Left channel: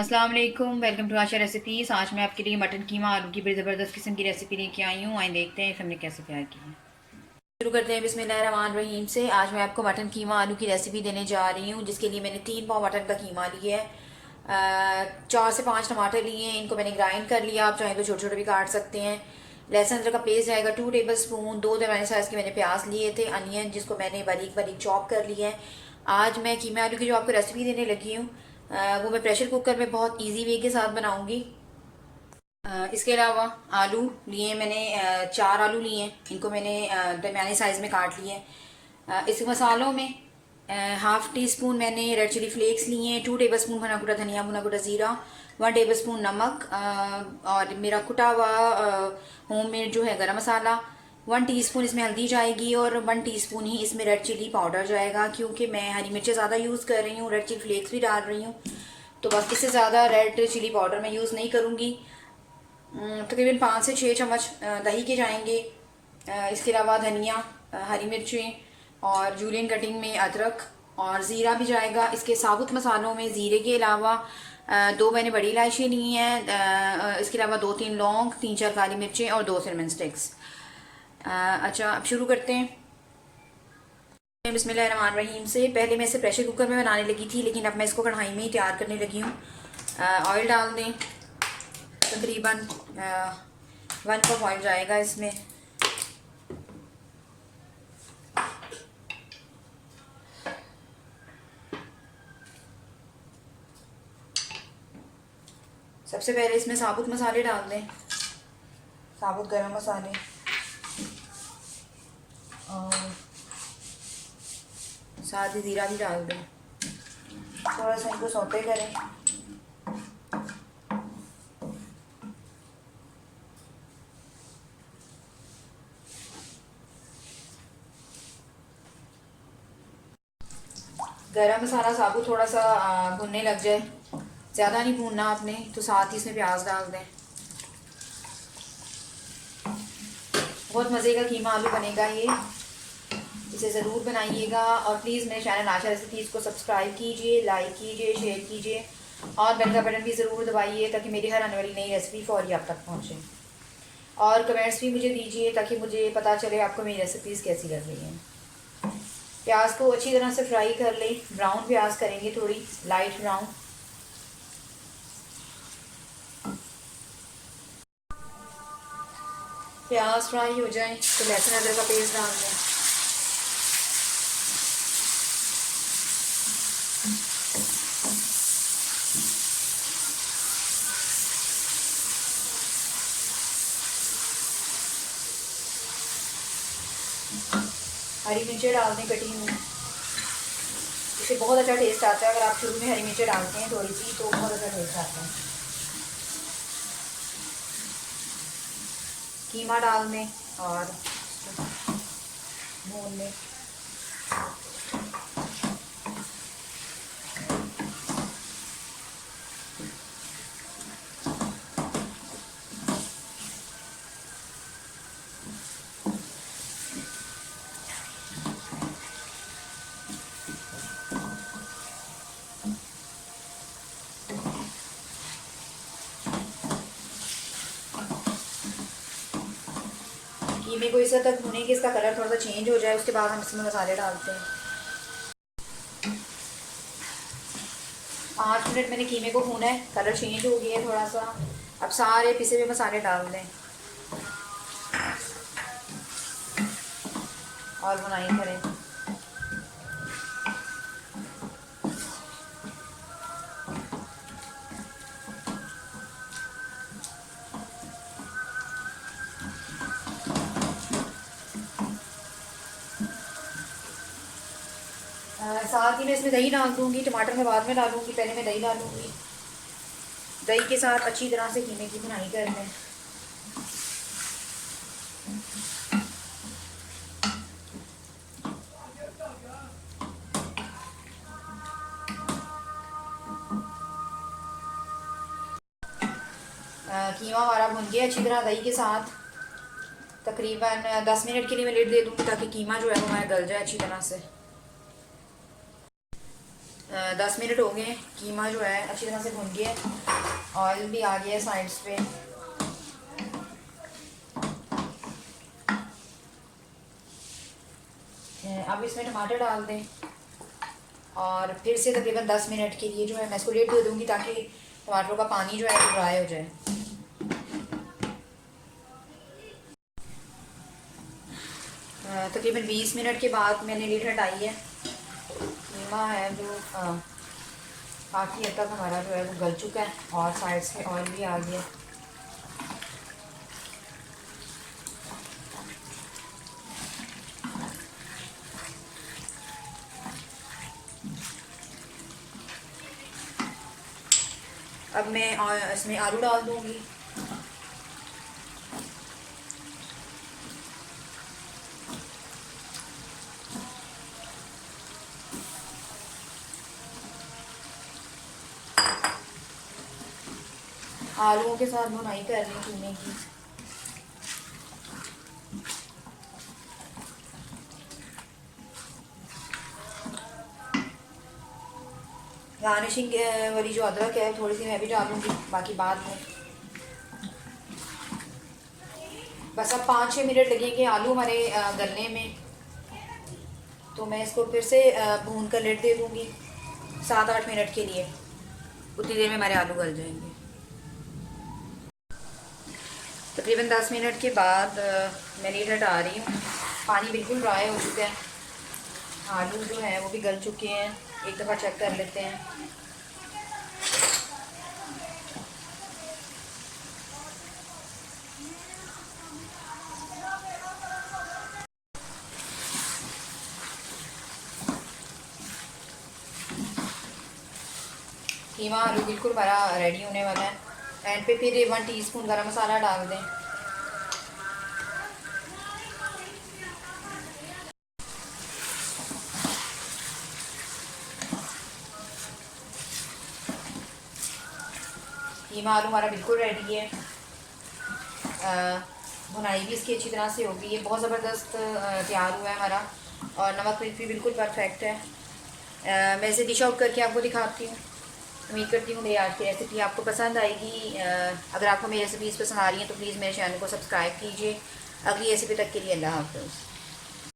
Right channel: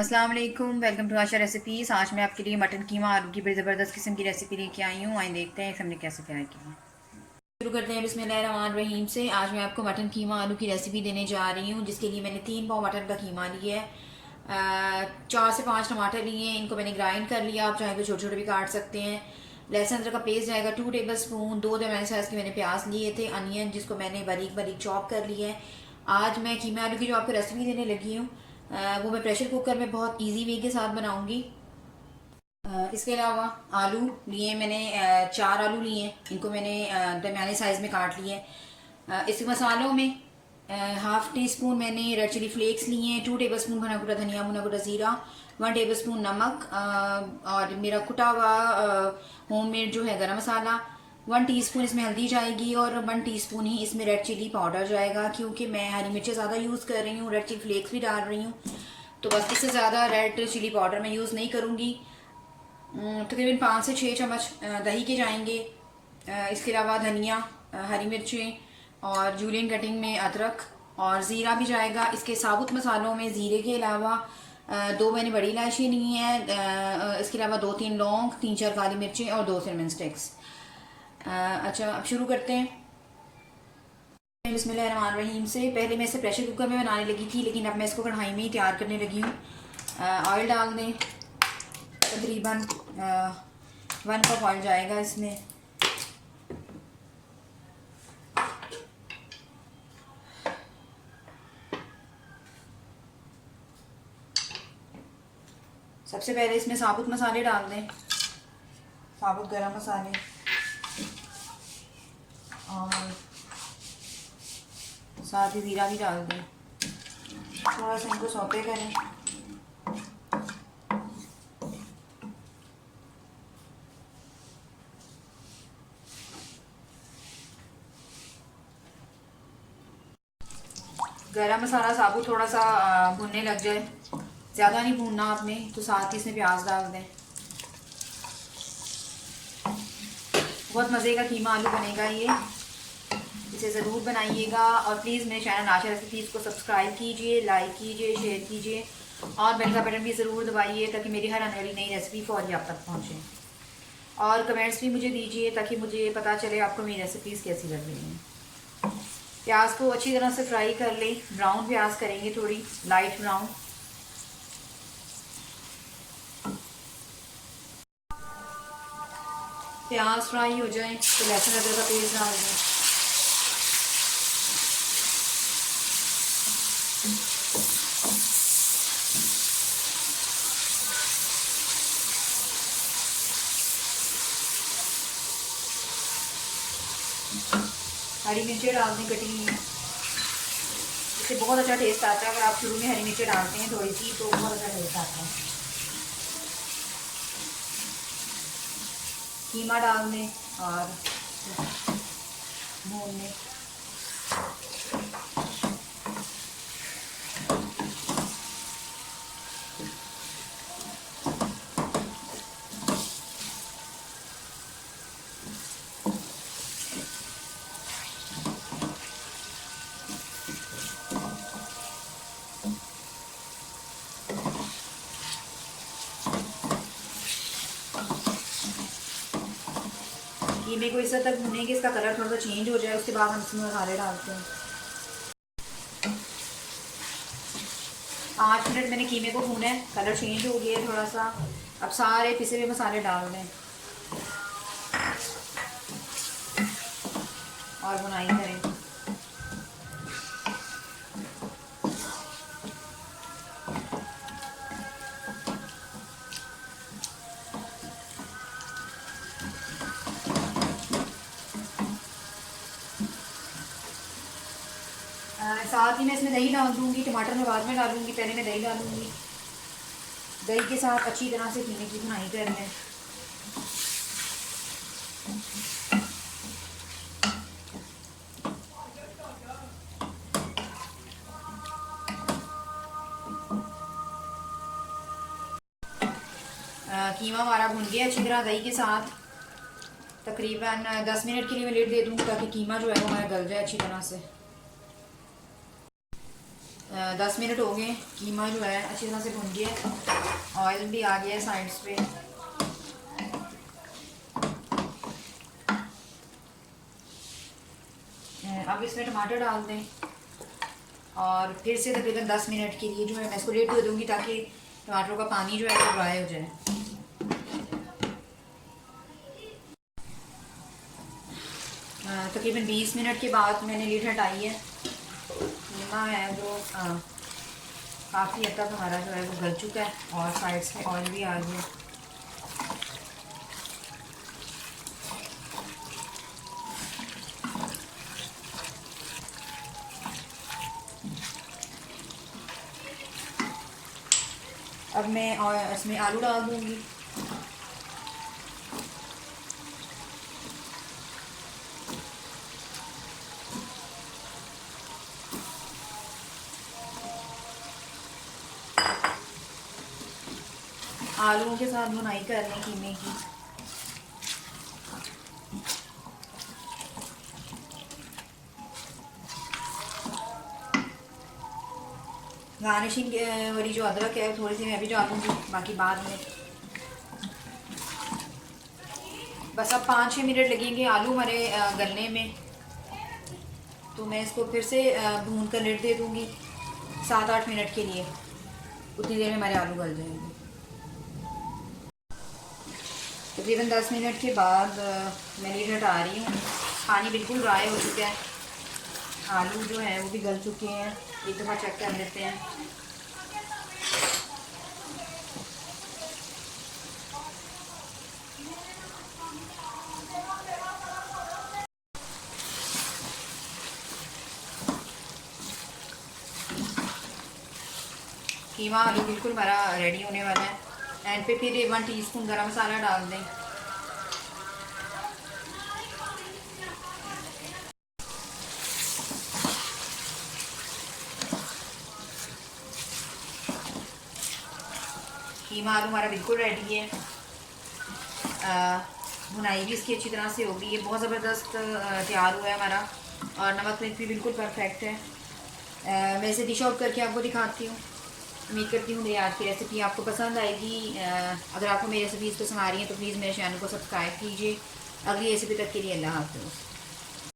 अस्सलाम वालेकुम, welcome to Asha recipes. आज मैं आपके लिए मटन कीमा आलू की बड़ी ज़बरदस्त किस्म की रेसिपी लेके आई हूँ। आइए देखते हैं हमने कैसे तैयार की है। शुरू करते हैं बिस्मिल्लाहिर्रहमानिर्रहीम से। आज मैं आपको मटन कीमा आलू की रेसिपी देने जा रही हूँ, जिसके लिए मैंने 3 पाव मटन का कीमा लिया है। 4 से 5 टमाटर लिए हैं, इनको मैंने ग्राइंड कर लिया। आप चाहें तो छोटे छोटे भी काट सकते हैं। लहसुन अदरक का पेस्ट जाएगा 2 टेबल स्पून। 2 दरमियाने साइज़ के मैंने प्याज लिए थे। अनियन जिसको मैंने बारीक बारीक चॉप कर लिया है। आज मैं कीमा आलू की जो आपको रेसिपी देने लगी हूँ, वो मैं प्रेशर कुकर में बहुत इजी वे के साथ बनाऊंगी। इसके अलावा आलू लिए मैंने, 4 आलू लिए हैं, इनको मैंने दरमियाने साइज़ में काट लिए हैं। इस मसालों में 1/2 टी स्पून मैंने रेड चिली फ्लेक्स लिए हैं, 2 टेबल स्पून भुना कुटा धनिया, भुना कुटा ज़ीरा, 1 टेबल स्पून नमक, और मेरा कुटा हुआ होममेड जो है गरम मसाला, 1 टीस्पून इसमें हल्दी जाएगी और 1 टीस्पून ही इसमें रेड चिली पाउडर जाएगा, क्योंकि मैं हरी मिर्चें ज़्यादा यूज़ कर रही हूँ, रेड चिली फ्लेक्स भी डाल रही हूँ, तो बस इससे ज़्यादा रेड चिली पाउडर मैं यूज़ नहीं करूँगी। तकरीबन 5 से 6 चम्मच दही के जाएंगे। इसके अलावा धनिया, हरी मिर्चें और जूलियन कटिंग में अदरक और ज़ीरा भी जाएगा। इसके साबुत मसालों में ज़ीरे के अलावा 2 मैंने बड़ी इलायची ली हैं। इसके अलावा 2-3 लौंग, 3-4 काली मिर्चें और 2 सिनेमन स्टिक्स। अच्छा, अब शुरू करते हैं बिस्मिल्लाहिर्रहमानिर्रहीम से। पहले मैं इसे प्रेशर कुकर में बनाने लगी थी, लेकिन अब मैं इसको कढ़ाई में ही तैयार करने लगी हूँ। ऑयल डाल दें, तकरीबन 1 कप ऑयल जाएगा इसमें। सबसे पहले इसमें साबुत मसाले डाल दें, साबुत गरम मसाले, और साथ ही ज़ीरा भी डाल दें। थोड़ा सा इनको सौते करें। गरम मसाला साबुत थोड़ा सा भुनने लग जाए, ज़्यादा नहीं भूनना आपने, तो साथ ही इसमें प्याज डाल दें। बहुत मज़े का कीमा आलू बनेगा ये, इसे ज़रूर बनाइएगा। और प्लीज़ मेरे चैनल आशा रेसिपीज़ को सब्सक्राइब कीजिए, लाइक कीजिए, शेयर कीजिए और बेल का बटन भी ज़रूर दबाइए, ताकि मेरी हर आने वाली नई रेसिपी फौरी आप तक पहुँचे। और कमेंट्स भी मुझे दीजिए, ताकि मुझे पता चले आपको मेरी रेसिपीज़ कैसी लग रही हैं। प्याज को अच्छी तरह से फ्राई कर लें, ब्राउन प्याज करेंगे, थोड़ी लाइट ब्राउन। प्याज फ्राई हो जाए तो लहसुन अदरक का पेस्ट डाल दें। हरी मिर्चें डाल दें कटी हुई, इससे बहुत अच्छा टेस्ट आता है। अगर आप शुरू में हरी मिर्चें डालते हैं थोड़ी सी, तो बहुत अच्छा टेस्ट आता है। कीमा डाल दें और भून लें। कीमे को इस हद तक भुनेंगे, इसका कलर थोड़ा सा चेंज हो जाए, उसके बाद हम इसमें मसाले डालते हैं। 5 मिनट मैंने कीमे को भूना है, कलर चेंज हो गया है थोड़ा सा। अब सारे पिसे हुए मसाले डाल दें और बुनाई करें। साथ ही मैं इसमें दही डाल दूँगी, टमाटर मैं बाद में डालूँगी, पहले मैं दही डालूँगी। दही के साथ अच्छी तरह से कीमे की भुनाई कर लें। कीमा हमारा भुन गया अच्छी तरह दही के साथ। तकरीबन 10 मिनट के लिए मैं लिड दे दूँगी, ताकि कीमा जो है वो हमारा गल जाए अच्छी तरह से। 10 मिनट हो गए। कीमा जो है अच्छी तरह से भुन गया, ऑयल भी आ गया साइड्स पे। अब इसमें टमाटर डाल दें और फिर से तकरीबन 10 मिनट के लिए जो है मैं इसको रेट कर दूँगी ताकि टमाटरों का पानी जो है वो ड्राई हो जाए। तकरीबन 20 मिनट के बाद मैंने लीड हटाई है। कीमा है वो काफ़ी हद तक हमारा जो है वो गल चुका है और साइड से ऑयल भी आ गया। अब मैं इसमें आलू डाल दूँगी। आलूओं के साथ भुनाई कर लें कीमे की। गार्निशिंग वाली जो अदरक है थोड़ी सी मैं भी डालूँगी, बाकी बाद में। बस अब 5-6 मिनट लगेंगे आलू हमारे गलने में, तो मैं इसको फिर से भून कर लिड दे दूँगी 7-8 मिनट के लिए। उतनी देर में हमारे आलू गल जाएंगे। तकरीबन 10 मिनट के बाद मैं लीड हटा रही हूँ। पानी बिल्कुल ड्राई हो चुका है, आलू जो हैं वो भी गल चुके हैं। एक दफ़ा चेक कर लेते हैं। कीमा आलू बिल्कुल हमारा रेडी होने वाला है। एंड पे फिर 1 टीस्पून गरम मसाला डाल दें। कीमा आलू हमारा बिल्कुल रेडी है। भुनाई भी इसकी अच्छी तरह से होगी। ये बहुत ज़बरदस्त तैयार हुआ है हमारा और नमक मिर्च भी बिल्कुल परफेक्ट है। मैं इसे डिश आउट करके आपको दिखाती हूँ। उम्मीद करती हूँ मेरी आज की रेसिपी आपको पसंद आएगी। अगर आपको मेरी रेसिपीज़ पसंद आ रही हैं तो प्लीज़ मेरे चैनल को सब्सक्राइब कीजिए। अगली रेसिपी तक के लिए अल्लाह हाफ़िज़।